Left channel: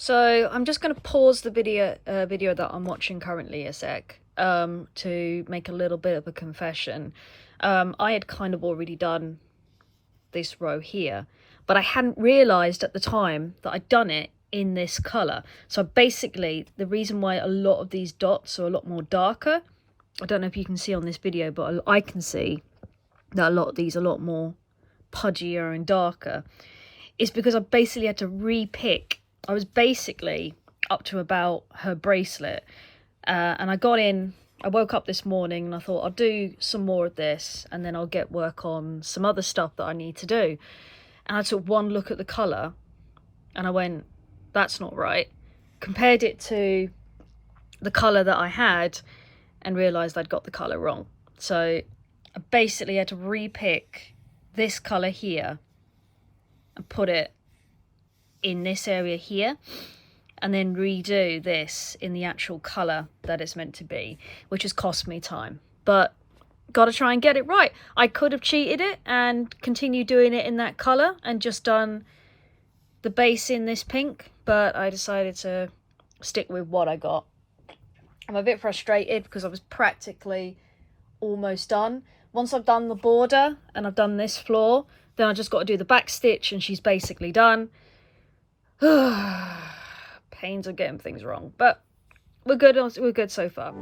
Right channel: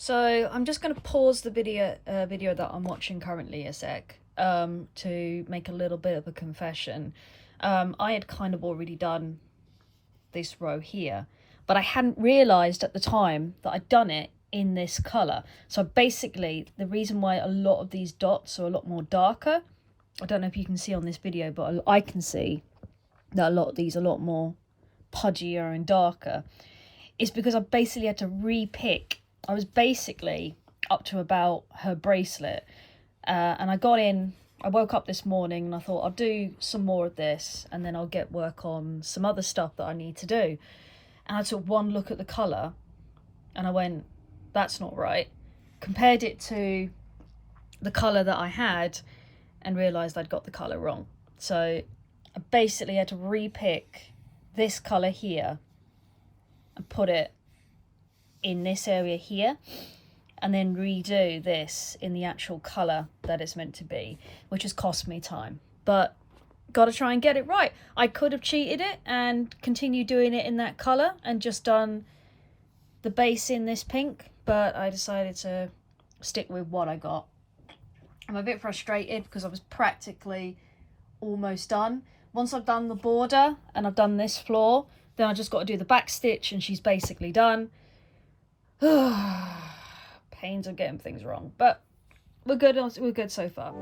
So I'm just going to pause the video that I'm watching currently a sec to make a little bit of a confession. I had kind of already done this row here, but I hadn't realised at the time that I'd done it in this colour. So basically, the reason why a lot of these dots are a lot more darker, I don't know if you can see on this video, but I can see that a lot of these are a lot more pudgier and darker, is because I basically had to re-pick. I was basically up to about her bracelet, and I woke up this morning and I thought I'll do some more of this and then I'll get work on some other stuff that I need to do. And I took one look at the colour and I went, that's not right. Compared it to the colour that I had and realised I'd got the colour wrong. So I basically had to re-pick this colour here and put it in this area here, and then redo this in the actual colour that it's meant to be, which has cost me time, but gotta try and get it right. I could have cheated it and continued doing it in that colour and just done the base in this pink, but I decided to stick with what I got. I'm a bit frustrated because I was practically almost done. Once I've done the border and I've done this floor, then I just got to do the back stitch and she's basically done. Pains of getting things wrong, but we're good so far.